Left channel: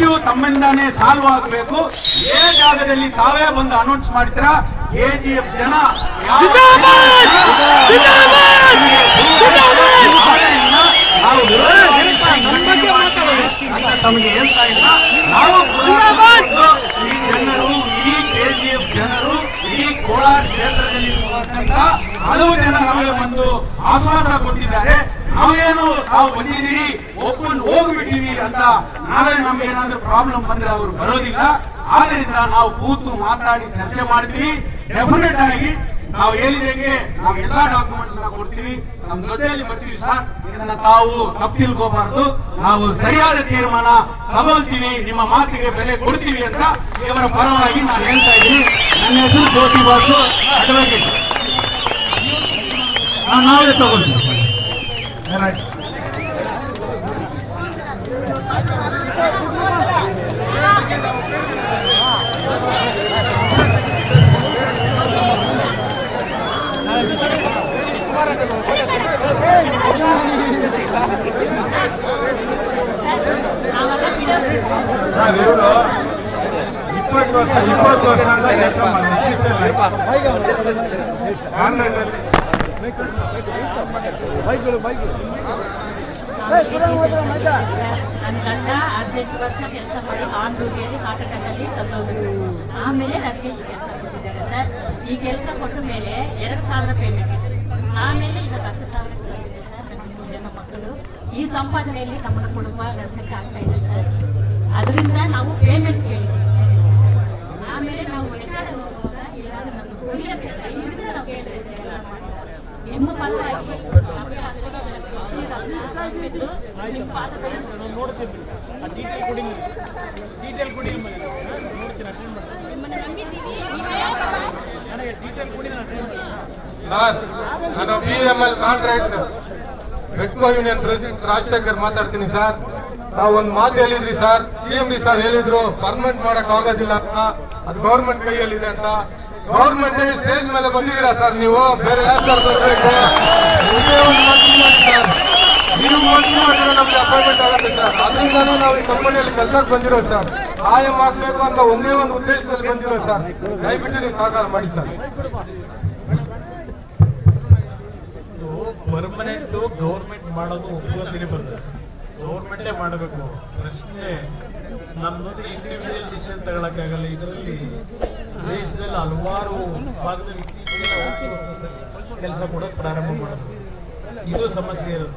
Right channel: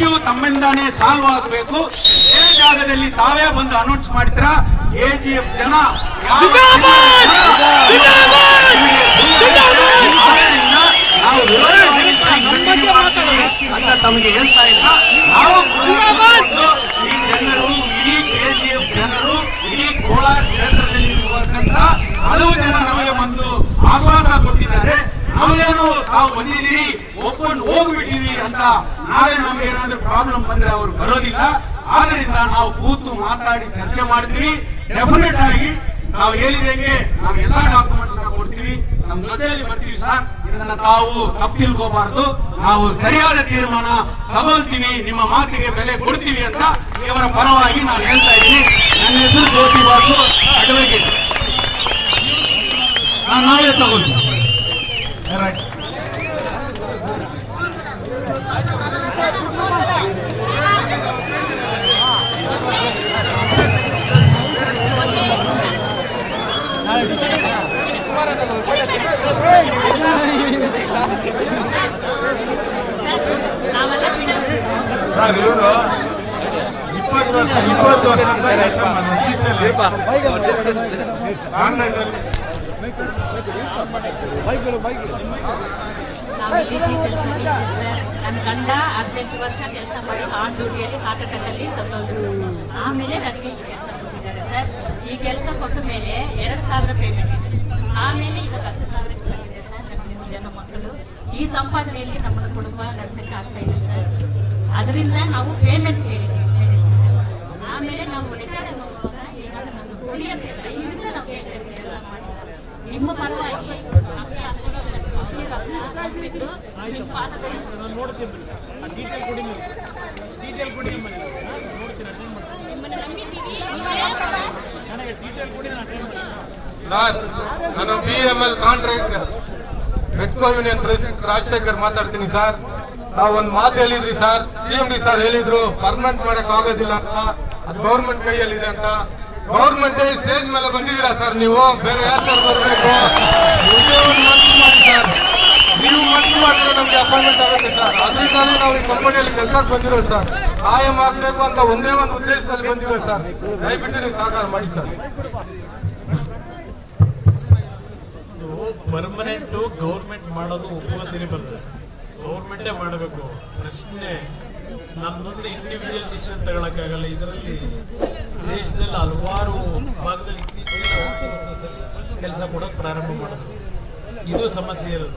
Issue ತಮ್ಮಿಂದಾನೇ solve ಆಗಬೇಕು. ಏ ಜಾಗದಲ್ಲಿ ತಾವೇ ಬಂದು ಅನೌನ್ಸ್ ಮಾಡ್ತೀರಾ, KGF ಜನ ತಮಗೆ ಹೇಳ್ತಾ ಇಲ್ಲ. ನಾವು ಈ ಜನರು, ಇಡೀ KGF ಜನರು, ಇಡೀ ಕೋಲಾರ ಕ್ಷೇತ್ರದಲ್ಲಿ ಇರುವಂತ ಹಲವು ಜನ ನಮಗೆ ಒಂದು ಆಶ್ವಾಸ ಕೊಟ್ಟಿದ್ದಾರೆ. ನಾವೇನು ತಾವು ಬಂದಿದ್ದೀರಿ ಒಪ್ಕೊಂಡು ಹೋಗ್ಬಿಟ್ಟಿವಿ ಅಂತ ನಾಳೆ ನಮ್ಗೆ ಏನಾದ್ರೂ ಪ್ರಾಬ್ಲಮ್ ಬಂದ್ರೆ ಅವರು ಬರೋದಿಲ್ಲ. ಆದ್ರಿಂದ ನಾವು ಕೂತು ಮಾತಾಡಿ ಚರ್ಚೆ ಮಾಡ್ತೀವಿ. ಡೆಫಿನೆಟ್ ಆಗಿ ನಾವು ಹೇಳಿದಂಗೆ ನಾವು ಎಲ್ಲಾ ಡಾಕ್ಯುಮೆಂಟ್ಸ್ ಕೊಡ್ತೀವಿ, ನಮ್ಮ ಜೊತೆಯಲ್ಲಿ ಬರ್ತೀವಿ ಸರ್. ಇದನ್ನ ತಾವು ತಪ್ಪು ತಿಳ್ಕೋಬಾರ್ದು. ನಾವು ಸರಿಯಾದ ತೀರ್ಮಾನ ತಗೊಳ್ತೀವಿ, ನಿಮ್ಮ ಮಾತಿಗೆ ಬೆಲೆ ಕೊಡ್ತೀವಿ ಅಂತ ಇವರ ಪರವಾಗಿ ನಾನು ಹೇಳ್ತಾ ಇದ್ದೀನಿ. ನನ್ನ ಹೆಸರು ಜ್ಯೋತಿ ಬಾಸು ಅಡ್ವೊಕೇಟ್. ನಾವೇ ತಗೊಳ್ತೀವಿ. ನನ್ನ ಗಂಡ 18 ವರ್ಷ ಕೆಲಸ ಮಾಡಿ ಆನ್ ಡ್ಯೂಟಿಯಲ್ಲಿ ಕಾಟಕದಲ್ಲಿ ಸತ್ತೋದ್ರು. ಆಮೇಲೆ ನನಗೆ ಈ ಕೆಲಸ ಕೊಟ್ಟಿದ್ದಾರೆ ಸರ್. ಈ ಕೆಲಸ ಕೊಟ್ಟ ಮೇಲೆ 2,000 ಪೇಮೆಂಟ್ ಇದೆ. ಆಮೇಲೆ ಈಗ 10,000 ಇದೆ ಸರ್. ನಮ್ಮ ಜನ ಮಕ್ಕಳು ಈ ಸಂಪಾದನೆಯಲ್ಲಿ ನಮ್ಮ ಕುಟುಂಬ ನಡೆಸಕ್ಕೆ ಆಗ್ತಾ ಇದೆ ಸರ್. ಅದರಿಂದ ನಾವು ಪೇಮೆಂಟ್ ಕೇಳಿದ್ವಿ. ಆಮೇಲೆ ನಾವು ರಿಟೈರ್ಡ್ ಹೋಗುವಾಗ ಇವಾಗ ನಮ್ಗೆ ಕುಡಿಯಕ್ಕೆ ನಾವು ಕೇಳಿದ್ರೆ ನಿಮ್ಮ ಪರವಾಗಿ ನಮಗೆ ನಾನು BML contractor Metco union president Rajashekar ಮಾತಾಡ್ತೀನಿ ಸರ್. ತಾವು ಒಂದು ಮಾತು ಹೇಳಿದ್ರಿ ಸರ್, CM ಸರ್ ಹೇಳಿದ್ರು ಪರ್ಮನೆಂಟ್ ಮಾಡಕ್ ಆಗೋದಿಲ್ಲ ಅಂತ, ಅದು ಗೌರ್ಮೆಂಟ್ ಕೈಯಲ್ಲಿದೆ ಅಂತ. ಗೌರ್ಮೆಂಟ್ ಸ್ಟೇಜ್ ಮೇಲೆ ಬಂದಿದ್ದೀರಾ ಸರ್, ನೀವು ಬೇರೆ ಯಾರು ಸರ್ ಬರ್ಬೇಕು? ನೀವು ನಮ್ಗೆ ಅಪಾಯಿಂಟ್ಮೆಂಟ್ ಆಗುತ್ತೆ ಸರ್. ಅದರಿಂದಾನೇ ನಾವು ಕಲ್ಪನೆಯಲ್ಲಿ ಕೆಲಸಕ್ಕೆ ಬಂದಿರೋದು ಸರ್. ಆಯಂ ಆಗ್ಬೇಕು ಅಂತ ಒಂದೇ ಒಂದು ಉದ್ದೇಶದಲ್ಲಿ ಬಂದಿರೋದು ಸರ್. ದಯವಿಟ್ಟು ನೀವು ಸಹಕಾರ ಮಾಡಿ ಸರ್. ಪರ್ಮನೆಂಟ್ ಗೌರ್ಮೆಂಟ್ ಮಾಡೋದು ಉಪಯೋಗದಲ್ಲಿ ಬರ್ತದೆ. ಗೌರ್ಮೆಂಟೇ ಮಾಡಬೇಕು. ಪ್ರಶ್ನೆ ನಮ್ಮ ಮುಂದೆ ಇಂಡಿವಿಜುವಲ್ ಡಿಸಿಷನ್ ತಗೊಳಕ್ಕಾಗಲ್ಲ. ಇದರಲ್ಲಿ ದೇಶದಲ್ಲಿ ಹಲವಾರು ಭಾಗದಲ್ಲಿ ಕೆಲಸ ಕೂಡ ಪ್ರಾರಂಭ ಮಾಡೋದು ಇದು ಸಮಸ್ಯೆ ಇರೋದು.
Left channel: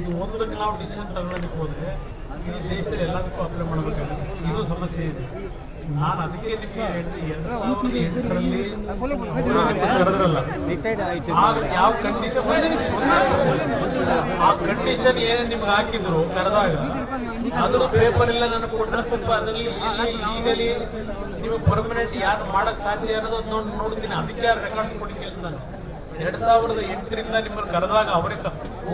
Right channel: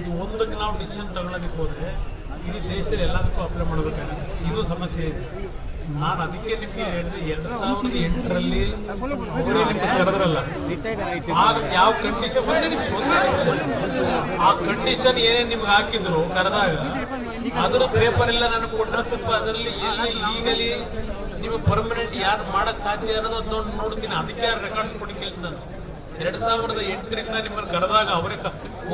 ಇದು ಒಂದಕ್ಕೆ ನಾವು ಡಿಸಿಷನ್ ತಗೊಳ್ಳೋದಕ್ಕೆ ಹೋದ್ರೆ ಇಡೀ ದೇಶದಲ್ಲಿ ಎಲ್ಲದಕ್ಕೂ ಅಪ್ಲೈ ಮಾಡಬೇಕಾಗುತ್ತೆ. ಇದು ಸಮಸ್ಯೆ ಇದೆ. ನಾನು ಅದಕ್ಕೆ ನಿಮಗೆ ಹೇಳಿದ್ರೆ 2008ರಲ್ಲಿ ಯಾವ ಆ ಕಂಡೀಷನ್ ಏನೇನು ನಿಮ್ಗೆ ಹಾಕಿದ್ರು ಕರೆದಾಗ ಅದ್ರ ಪೇಪರ್ ಎಲ್ಲ ನನಗೆ ಕೊಟ್ಟರೆ ಸ್ವಲ್ಪ ಅದರಲ್ಲಿ ಈಗಲೇ ನಿಮಗೆ ಪರ್ಮನೆಂಟ್ ಯಾರು ಮಾಡಕ್ ಸಾಧ್ಯ ಅನ್ನೋದು ನೋಡ್ತೀನಿ. ಅದಕ್ಕೆ ರೆಕಾರ್ಡ್ಸ್ ಕೊಡಿ ಕೇಳ್ತಾನೆ. 2008ರಿಂದ ನಿಮ್ಮನ್ನು ಕರೆದಾಗ ಅವರೇ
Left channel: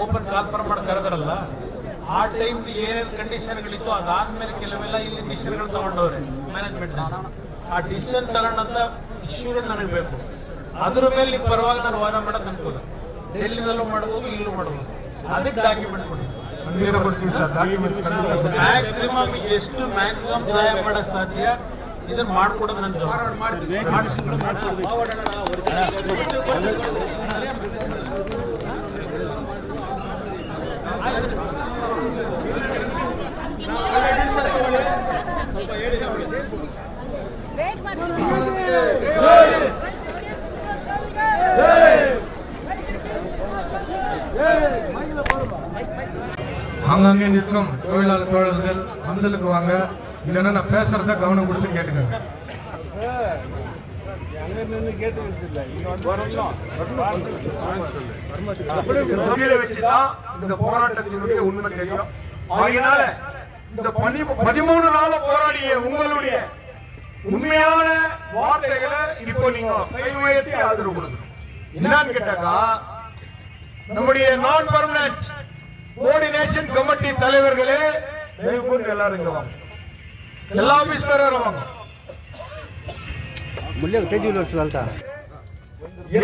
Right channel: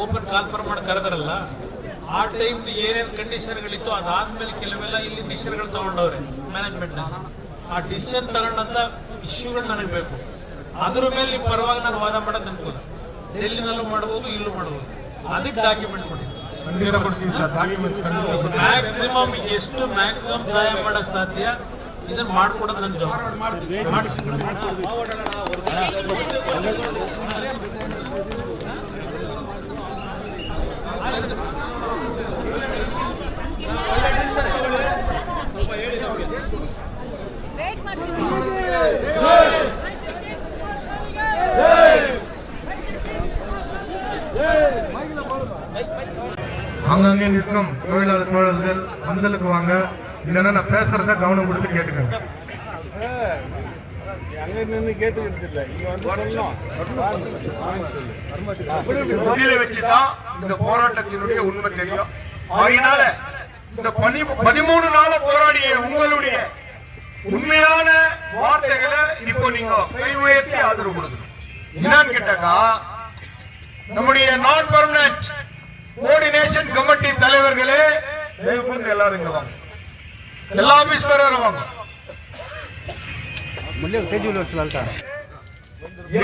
ಓಪನ್ ಕಾಲ್ಫರ್ ಮಾಡಿ ಕರೆದಾರಲ್ಲ, ಆ ಟೈಮ್ ಏನೇನು ಕಂಡೀಷನ್ಗಳಿತ್ತು ಅದಾದ್ಮೇಲೆ ಕೆಲವೆಲ್ಲ ಇಲ್ಲಿ ಡಿಸಿಷನ್ಗಳು ತಗೊಂಡವ್ರೆ ಮ್ಯಾನೇಜ್ಮೆಂಟ್. ಆ ಡಿಸಿಷನ್ ತಗೊಂಡಂತ ಇಶ್ಯೂಗಳು ನನಗೆ ಬೇಕು. ಅದ್ರ ಮೇಲೆ ನೀವು ಪರವಾಗಿ ನಾವು ವಾದ ಮಾಡೋದು ಅನ್ಬೋದು. ಡೆಲ್ಲಿನಲ್ಲೂ ಮಾಡ್ಬೋದು, ಇಲ್ಲೂ ಮಾಡ್ಬೋದು. ಅದಕ್ಕೆ ಡಾಕ್ಯುಮೆಂಟ್ ಮ್ಯಾಕ್ಸಿಮಮ್ ಎಷ್ಟು ಮ್ಯಾಕ್ಸಿಮಮ್ ಸಹಾಯ ಮಾಡಕ್ ಸಾಧ್ಯ ಇದನ್ನ ಮಾಡ್ಕೊಡೋದು ನನ್ನ ಸ್ವಲ್ಪ ಹೇಳಿ ನಮಗೆ. அங்கங்கே நிற்கும் தொழிலாளர் தோழர்கள் வந்தலுக்கு வாங்க, இல்லைன்னா நான் பேசுறத கவனம் கொடுத்து கேட்டுக்கோங்க. வச்சுதான் இந்த போராட்டத்தினுடைய உண்மை தெரியும். அதனால இந்த 13 நாள் போராடிய உங்களுடைய உண்மையான வார்த்தைகளை இப்போ நீங்க கை உயர்த்தி ஆதரவு கொடுங்க. என்னன்னு கேட்டாக்கா, நம்முடைய நான் பர்மனன்ட் கோஆர்டினேஷன் கமிட்டி தலைவர்களே எல்லாரும் வாங்க, எல்லா ஆபீஸ் பேரும் வாங்க.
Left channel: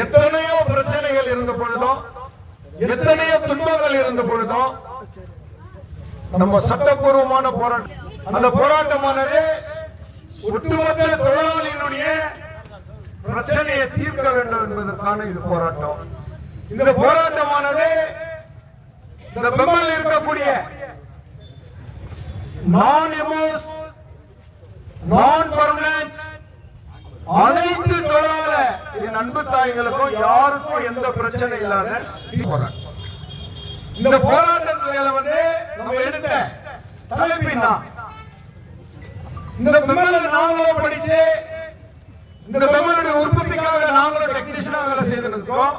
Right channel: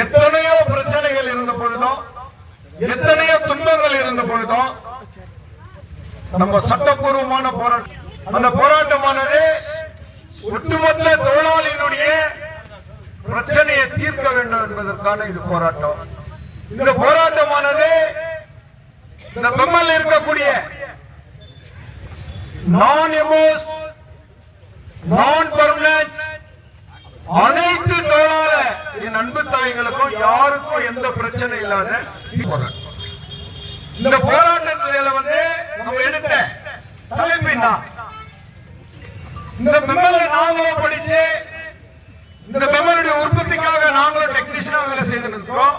எத்தனையோ பிரச்சனைகள் இருந்த பொழுதும், எத்தனையோ துன்பங்கள் இருந்த பொழுதும் நம்ம சட்டப்பூர்வமான போராட்டம் அந்த போராட்டமானது ஒட்டுமொத்த தொழிலாளிகளுடைய பிரச்சனையை தீர்க்க வேண்டும் என்பதற்கான இது போராட்டம். இந்த போராட்டமானது இந்த பெம்மல் இருக்கக்கூடிய நான் எம்ஓஸ் நான் பெர்மனன்ட் அனைத்து தொழிலாளர் என் அன்பு தாய்களுக்கும் யாருக்கும் எந்த பிரச்சனை இல்லாத இந்த போராட்டத்தில் நம்ம எடுத்த தலைப்பினா இந்த பெம்மலை நாங்களும் படிச்சு இந்த பெம்மலுடைய உற்பத்திக்காக நாங்களும் டெக்னீஷியனா வேலை செய்திருக்கோம்.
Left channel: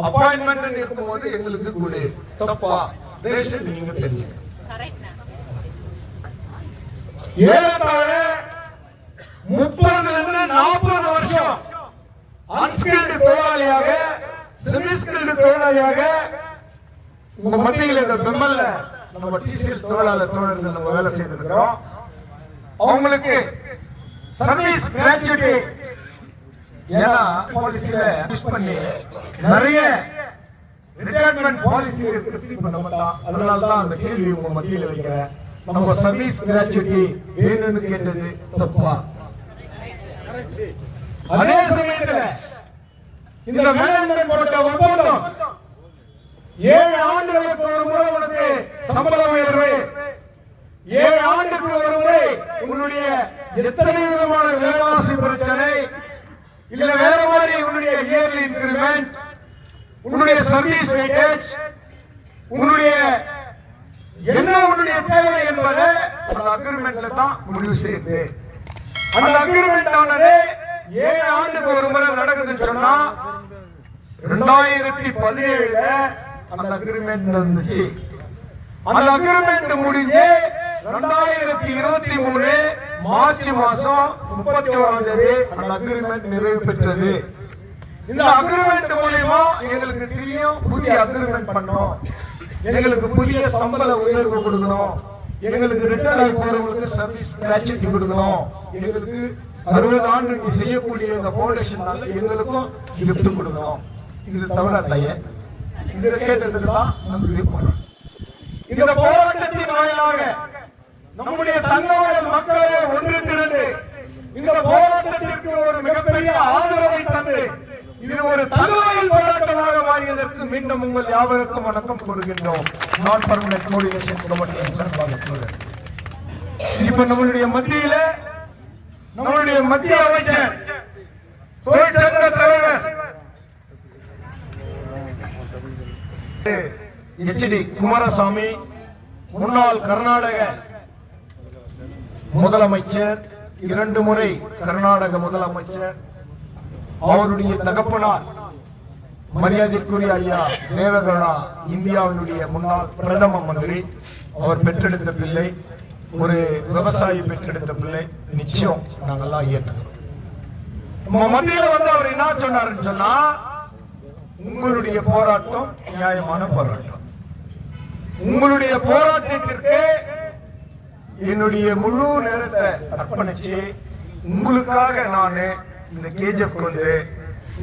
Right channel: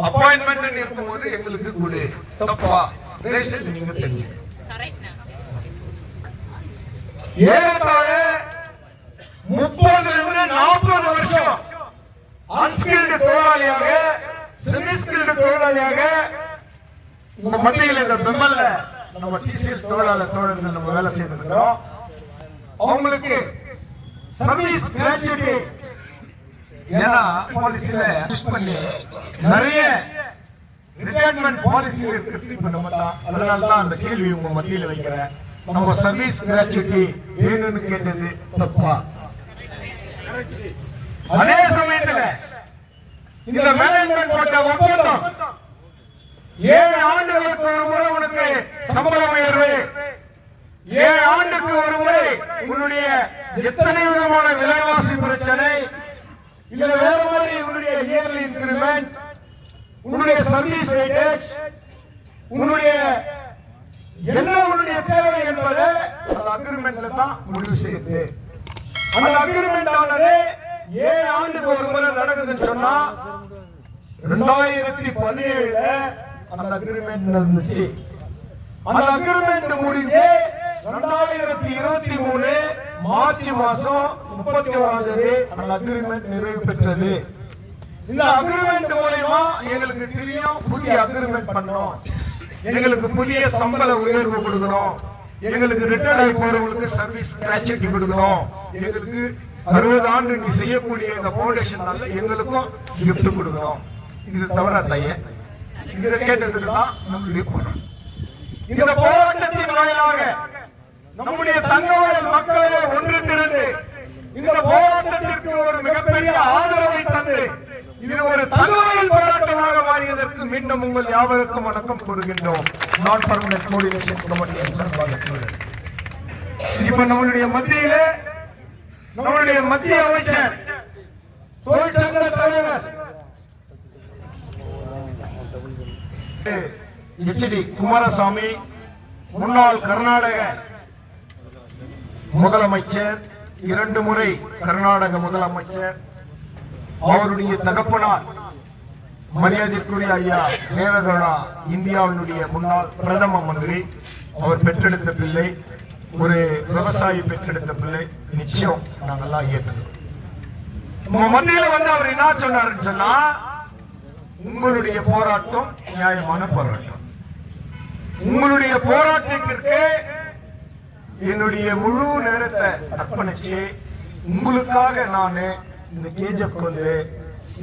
அப்பாயின்மெண்ட் இருக்கும்போது எங்களுக்கு கூட தப்பா நீங்க தெரிஞ்சு ஏறத்தாழ 30-40 வருஷம் அன்ஸ்கில்டு தொழிலாளியாக செமிஸ்கில்டு தொழிலாளியாக உங்க மத்தியில் இந்த பெம்மல்ல நம்ம டிசிஎல் தொழிலாளர் தோழர்கள் நம்ம வேலை செய்திருக்கிறோம். அவங்களுக்கு சர்வீஸ் கிராஜுவிட்டி ஏன்னா பாலிசியில யூஸ் பண்ணி நிறைய ரிட்டையர்மென்ட் பாலிசி இருக்கு பண்ண மாட்டோம். அதனால தான் அந்த கேள்வி உங்க மத்தியில் வைக்கிறேன். நம்ம சர்வீஸ் கிராஜுவிட்டி வேணும்னு கேட்டது தப்பா? அதே சமயத்தில் இந்த மேனேஜ்மெண்ட் போட்ட ஒப்பந்தம் 7 ஆண்டுகளுக்கு ஒரு முறை உனக்கு சம்பள உயர்வு, 7 ஆண்டுக்கு ஒரு முறை உன்னுடைய எத்தனை விதமான விலைவாசி பிரச்சனை இல்ல வேற மாதிரி உன்னுடைய இயர்லி இன்கிரிமெண்ட், உன்னுடைய சர்வீஸ் வெயிட்டேஜ், உன்னுடைய என்ன உன்னுடைய தேவை என்பதை அந்த அக்ரிமெண்ட்ல தான் முடிவு செய்யுது. அந்த அக்ரிமெண்ட் ஆனது 7 ஆண்டுக்கு ஒரு முறை நடக்குதுன்னு சொன்னா 2017 அந்த அக்ரிமெண்ட் நடந்துச்சு. அந்த அக்ரிமெண்ட் முடிஞ்சு 2023 மார்ச் மாசம் 31ஆம் தேதி அந்த அக்ரிமெண்ட் நிறைவு பெற்றது. இந்த அக்ரிமெண்ட் மூலமா எங்களுக்கு தெரியும் புதிய அக்ரிமெண்ட் பண்ணணும், எங்களுக்கு புதிய சம்பள உயர்வு கொடுக்கணும், எங்களுக்கு ரிட்டையர் ஆகி போறவங்களுக்கு சர்வீஸ் கிராஜுவிட்டி கொடுக்கணும், எங்களுக்கு 60 ஆண்டு இங்க செய்யக்கூடிய இந்த ஃபவுண்டேஷனால எங்களுக்கும் கிஃப்ட் கொடுக்கணும். இது தவறா தாயே? இதை கேட்டதுக்கு தான் நம்ம விருப்பம். இந்த போராட்டத்தின் வாயிலாக நம்முடைய தன்னவரை மக்களை ஒன்றித்திருந்து இந்த போராட்டத்திற்கு ஒரு மிகப்பெரிய ஆதரவை தந்து இது ஒரு தகவலின் போராட்டமாக மாறியதற்கு மீண்டும் உங்கள் யாவருக்கும் வணக்கம் கூறுகின்றோம். நான் பர்மனன்ட் கோஆர்டினேஷன் கமிட்டி சார்பாக இப்ப நம்மளுடைய மத்தியில நம்மளுடைய மத்திய அமைச்சர் தொழிற்சங்க தலைவர் HD குமாரசாமி, முன்னாள் கர்நாடக முதலமைச்சர், 2 முறை கர்நாடக முதலமைச்சர், அவருடைய தகப்பனார் மரியாதைக்குரிய ஐயா தேவகவுடா இந்தியாவினுடைய முன்னாள் பிரதம மந்திரி, அவர் பெற்றெடுத்த பிள்ளை, ஒரு விவசாயி பெற்றெடுத்த பிள்ளை. நிச்சயம் நாங்கெல்லாம் ஏற்றுக்கிறோம். நம்ம மத்தியில அவர் என்ன சொன்னாருன்னு சொன்னா, உங்களுடைய போராட்டம் நியாயமான போராட்டம், உங்களுடைய போராட்டத்திற்கு என்னுடைய முழு நேரத்தை அர்ப்பணிச்சு உங்களுக்காக நான் இந்த கேஜ கொண்டு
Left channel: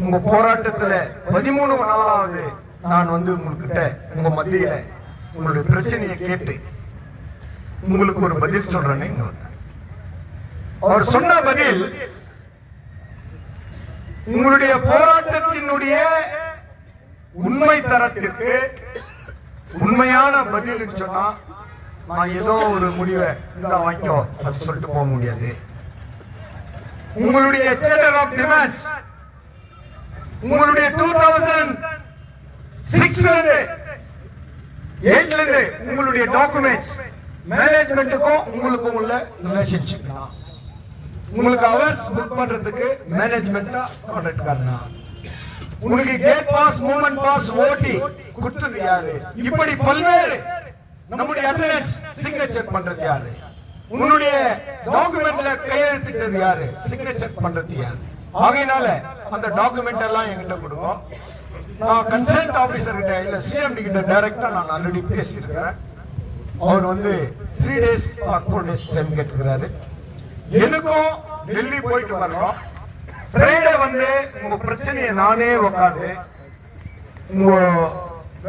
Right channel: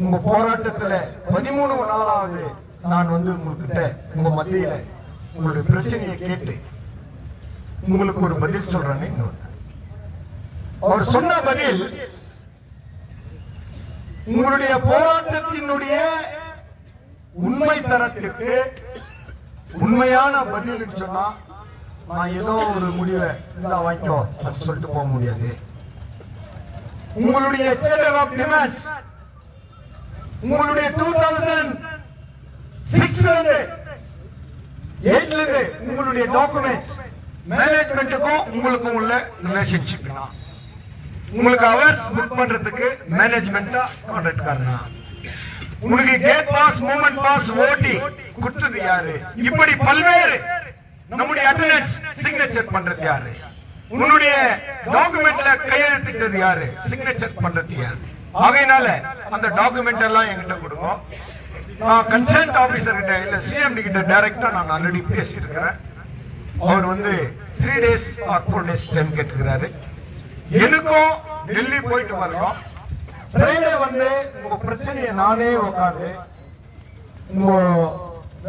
உங்க போராட்டத்துல 13 நாளாவது நான் உங்ககிட்ட உங்க மத்தியில உங்களுடைய பிரச்சனையை கேட்டு உங்களுக்கு ஒரு பதில் சொல்றேன்னு அவர் சொன்ன பதில், உங்களுடைய போராட்டத்தினுடைய உண்மை தரத்திற்கு உண்மையான பதில் சொன்னா நான் ஏதோ ஒரு முடிவை வாங்கிக்கோ சொல்லிட்டு போக முடியாது. உங்களுடைய உங்களுடைய 2006 உங்களுடைய டாக்குமெண்ட் மேனேஜ்மெண்ட்டுக்கும் உங்களுக்கும் உள்ள ரிலேஷன்ஷிப், உங்களுக்கு அவர்ஸ் புக் பண்றதுக்கு மேனேஜ்மெண்ட்டா கான்ட்ராக்ட் காரணம், உங்களுக்கு கேட் பாஸ் மூவ்மெண்ட் பாஸ் ஓட்டி கொடுத்தது யாரு, இப்படி பல்வேறு நம்முடைய அட்டெண்டன்ஸ் சிக்னேச்சர் பண்றது யாரு, உங்களுடைய டாக்குமெண்ட்ல கையெழுத்திட்டது யாரு, சிக்னேச்சர் பண்றது யாரு. ஆகையினால அந்த டாக்குமெண்ட் எல்லாம் என்கிட்ட கொடுக்கும். நான் கன்சர்ன் ஆபீசர் கிட்ட இல்ல சிஎம்டி கிட்ட டைரக்டா நான் ஆல்ரெடி பேசியிருக்கிறேன். அவர் 3 days or 4 days டைம் கேட்டுக்கிறாரு. எனக்கும் டெல்லி போயிட்டு வரோம். ஃப்ரைடே உங்க பிரச்சனையை நானே உட்காந்து உங்க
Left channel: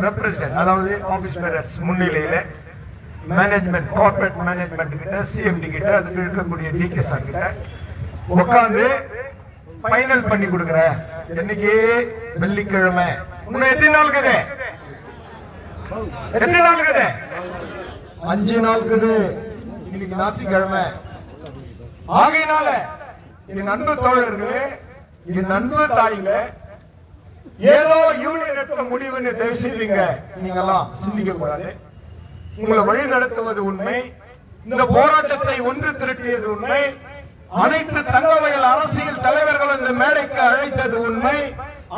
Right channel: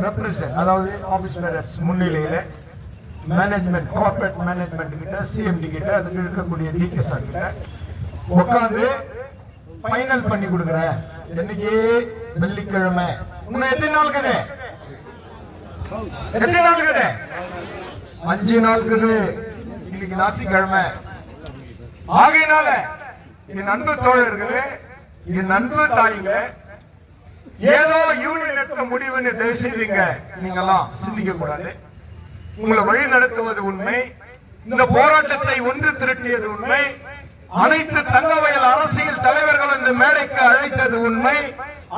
ரெப்ரசன்ட் அதாவது ஆபீஸ் பேரஸ் முன்னிலையில மேனேஜ்மெண்ட் கார்ப்பரேட் மேனேஜ்மெண்ட் கிட்ட சிஎம்டி கிட்ட அதுக்கு இருக்கக்கூடிய டிகே சார் கிட்ட உட்கார்ந்து ஃபைனல் பண்ணி கொடுக்குறேன். இன்னைக்கு வெள்ளிக்கிழமை, இன்னும் எத்தனை நாள் இருக்குது? எத்தனை நாள் இருக்குது? 5 நாள் இருக்குது. இன்னைக்கு ஞாயிற்றுக்கிழமை. ஆகையினால என் நண்பு தோழர்களே, என் நண்பு தாயில ஏதோ யூனியன் எடுத்த முடிவுன்னு தயவு செய்தீங்க நீங்கெல்லாம் சிந்திக்க கூடாது. உங்களை வழி நடத்துவது உண்மை. இந்த போராட்டத்தை ஒன்று திரட்டியது உண்மை. அனைத்து தங்கவயல் அரசியல் தலைவர்கள் இந்த மேடைக்கு அழைத்தது உண்மை.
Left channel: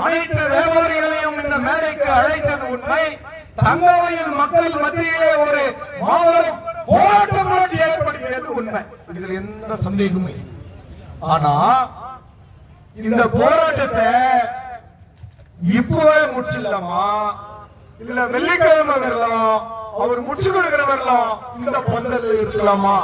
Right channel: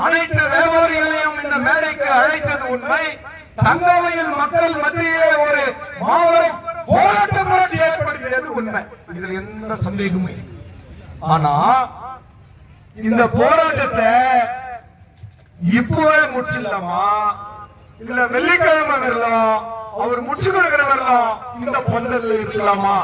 அனைத்து வியாபாரிகளையும் இந்த மேடைக்கு அழைத்தது உண்மை. தங்கவயல் மக்கள் மத்தியிலே ஒரு மாபெரும் போராட்ட புரட்சி ஏற்படுத்தியது உண்மை. இதில் எந்த சந்தேகமும் இல்லை. ஆனா இந்த போராட்டத்தை இப்பவே முடிச்சிடலாமா, இல்ல வெள்ளிக்கிழமை வரலாம் அவர் முடிச்சு கொடுக்கிறவெல்லாம் இந்த பந்தல் இருக்கலாமா?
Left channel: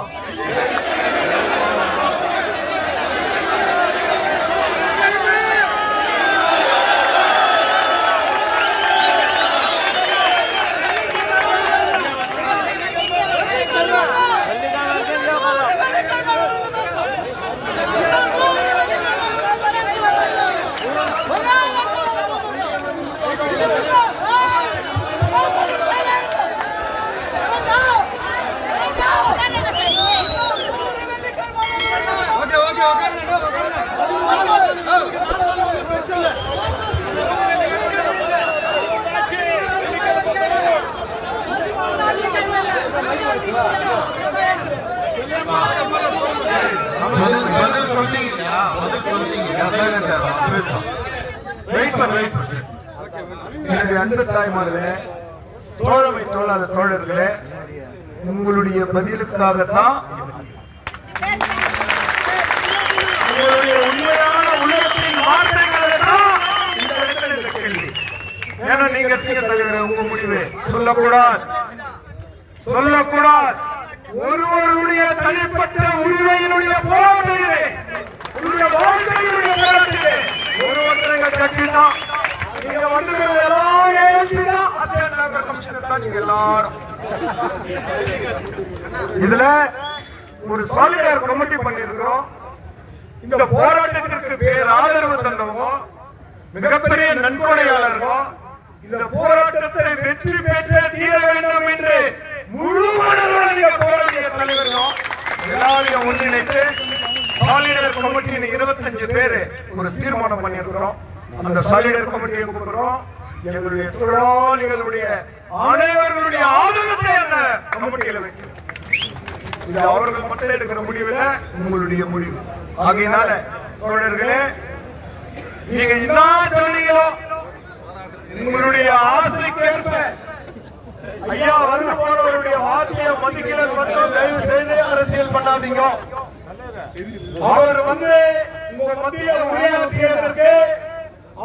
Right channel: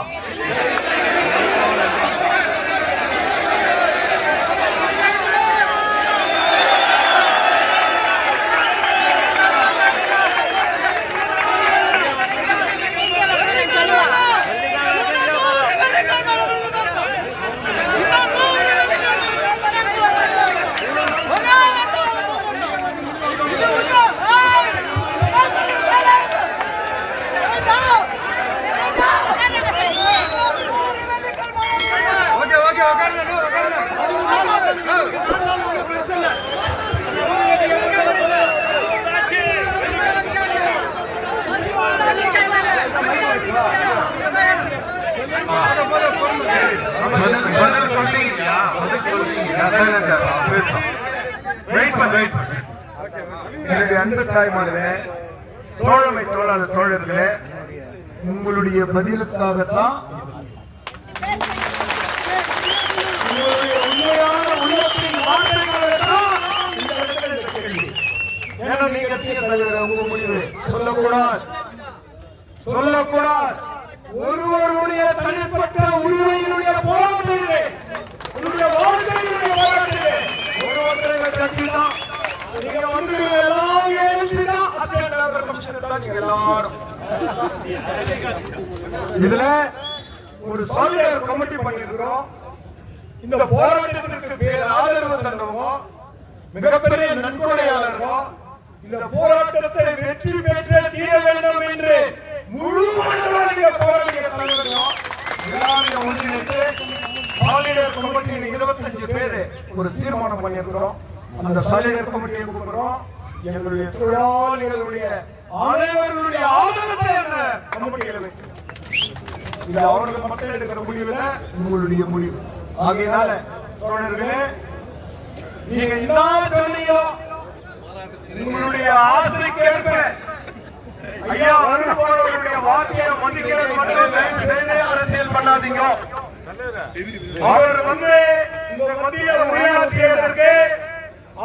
தோழர்களே, உங்களுடைய பதிலுக்காகத்தான், உண்மையான உள்ளத்தின் வார்த்தைகளுக்காகத்தான் இந்த இடத்துல இந்த கேள்வி. ஏன்னா நீங்க உங்க முடிவு சொல்லக்கூடாது. ஒருவருடைய தனிப்பட்ட உரிமையினுடைய போராட்டத்திலே, உங்களுடைய வாழ்க்கையினுடைய போராட்டத்திலே ஒருவருடைய பிரச்சனை தான். நீங்க வந்துக்கிற எல்லாம் ஏசிதான் அஸ்டேட் லேபர் கமிஷனர் தான். நீங்க எல்லாரும் இதுல ஒரு சாலிடார் கமிட்டி பண்ணிருக்கிறோம். இந்த போராட்டத்திற்கு பேர் ஆதரவு தந்தோம், மிகப்பெரிய நன்கொடையாளர்கள். இந்த போராட்டத்தை வெற்றி பெற்றே தீர வேண்டும் என்று முழு மனதுடன் நீங்க போராடிய தலைவர்கள் முன்னிட்டு சாலிடார் கமிட்டியின் 25 பேர் ஒரு தீர்மானம் பண்ணியிருக்கிறோம். அந்த சாலிடார் கமிட்டியை கூப்பிடுறோம். எங்களுடைய தொழிலாளர், எங்களுடைய அனைவர்களுடைய ஆதரவை அந்த கமிட்டியில் வைக்கிறோம். இது அவர்கள் மட்டும் எடுக்கிற முடிவுல உங்களுடைய முடிவு. ஆகையினால தோழர்களே, நீங்க என்ன சொல்லியோ உங்களுடைய ஆசைக்கு ஏற்ப ஐயா வருபவர்களுடைய வார்த்தையை மதிக்கிற மட்டும் தயவு செய்து அரசியல் பண்ணாதீங்க. அவர் உங்க மத்தியில உரையாற்றியதற்கு,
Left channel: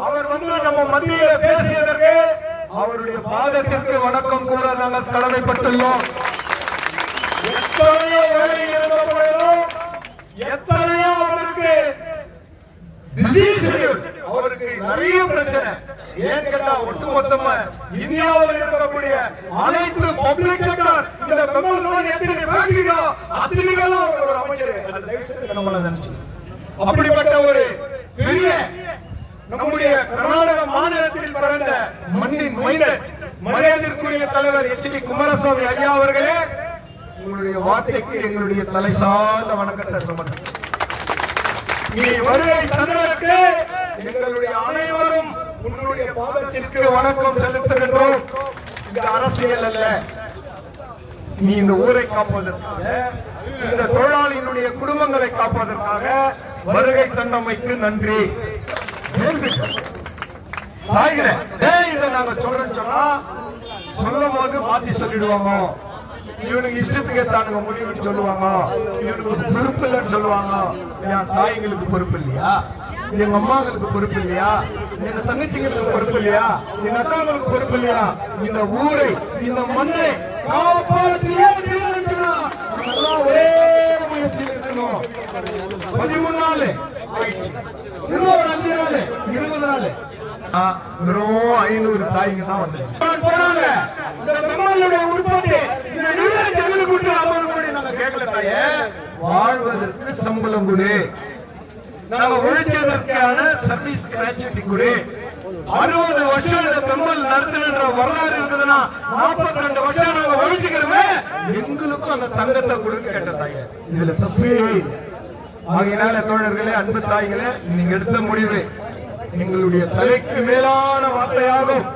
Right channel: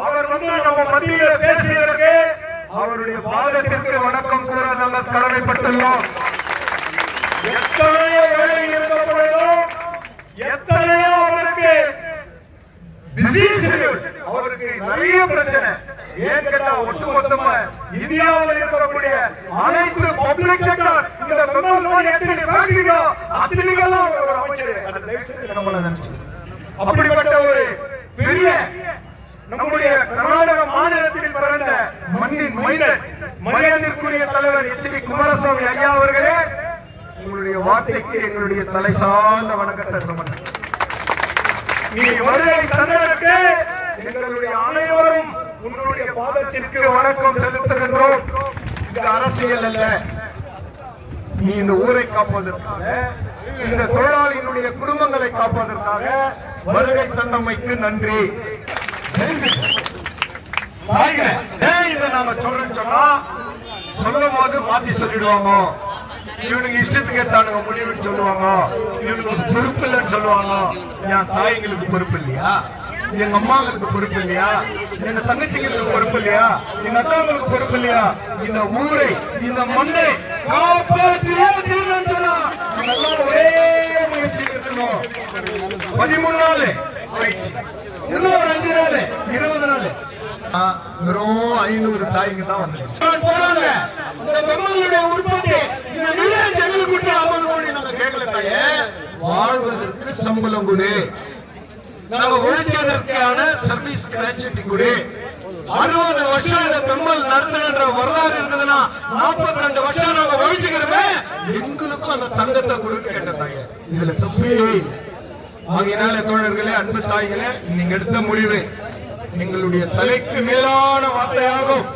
அவர் நம்ம மத்தியில பேசியதற்கு அவருடைய பாதத்திற்கு வணக்கம் கூட நாங்கள் கடமைப்பட்டுள்ளோம். எத்தனையோ வேலையில் இருக்கப்படும், எத்தனையோ அவருக்கு அவருக்கு நிறைய பிரச்சனை. ஏன் கேட்டா ஒட்டுமொத்தமா இந்தியாவில் இருக்கக்கூடிய அனைத்து பப்ளிக் செக்டர் இந்த ஒரு அமைச்சர் அப்படிப்பட்ட ஒரு பெரிய நம்முடைய கர்நாடக மாநிலத்தில் பிறந்த மண்ணின் மைந்தர் மரியாதைக்குரிய தலைவர் எச்.டி. குமாரசாமி ஐயா அவர்களே, உங்களுடைய வார்த்தைக்கு எங்களுடைய தலை சார்ந்த வணக்கத்தை சமர்ப்பிக்கிறேன். நீ வருகை தந்ததற்கு எங்களுடைய அனைவரும் உன்னுடைய பாதத்திற்கு வணக்கம் செலுத்துகின்றோம். இது அரசியல் அல்ல. நீ இந்த ஊரை காப்பதற்காக, இந்த தொழிலாளியினுடைய குடும்பங்களை காப்பதற்காக வருகை தந்தமைக்கு நன்றி. இதை நாங்க சொல்றோம் சொன்னா சொல்லும் போது மாத்தி சொல்லிடுவாங்க. இவனுக்கு இஷ்டத்துக்கு ஏற்றானுங்க முடிவுன்னு சொல்லுவாங்க. இவனுக்கு பொறுப்பு இல்லைன்னு சொல்லுவாங்க. என் தாய்களுக்கு பொறுப்பு இல்லையா? எங்க அம்மாவுக்கு பொறுப்பு இல்லையா? எங்க தங்கச்சிங்களுக்கு பொறுப்பு இல்லையா? எங்க அத்தாவுக்கு பொறுப்பு இல்லையா? இந்த ஊரை, இந்த மண்ணை காப்பாற்றியே தீர்வுன்னா ஒரே முயற்சி இருக்கணும். 13 நாள் ஆயிடுச்சு, இன்னொரு 5 நாள், 20 நாள், வெறும் 500 தாய்க்கு தான் வந்து உற்பத்தி உழைச்சதற்கு சம்பளம் கொடு, நாம உழைச்சதற்கான சர்வீஸ் கிராச்சுவிட்டி கொடு. 60 வருஷம் பெண்கள் நடத்துகிற வரலாறு இருக்குதுன்னா 42 வருஷம் நம்ம உழைச்சுக்கிறோமே, எங்களுக்கும் அந்த தங்கத்தை கொடுக்க கேட்டாங்க. இதுல தப்பு இல்லை. ஆகையினால தோழர்களே, அன்பு தாய்களே, நீங்க எடுத்த முடிவு எங்களுடைய தலைக்கு மேலான வார்த்தையாகும்.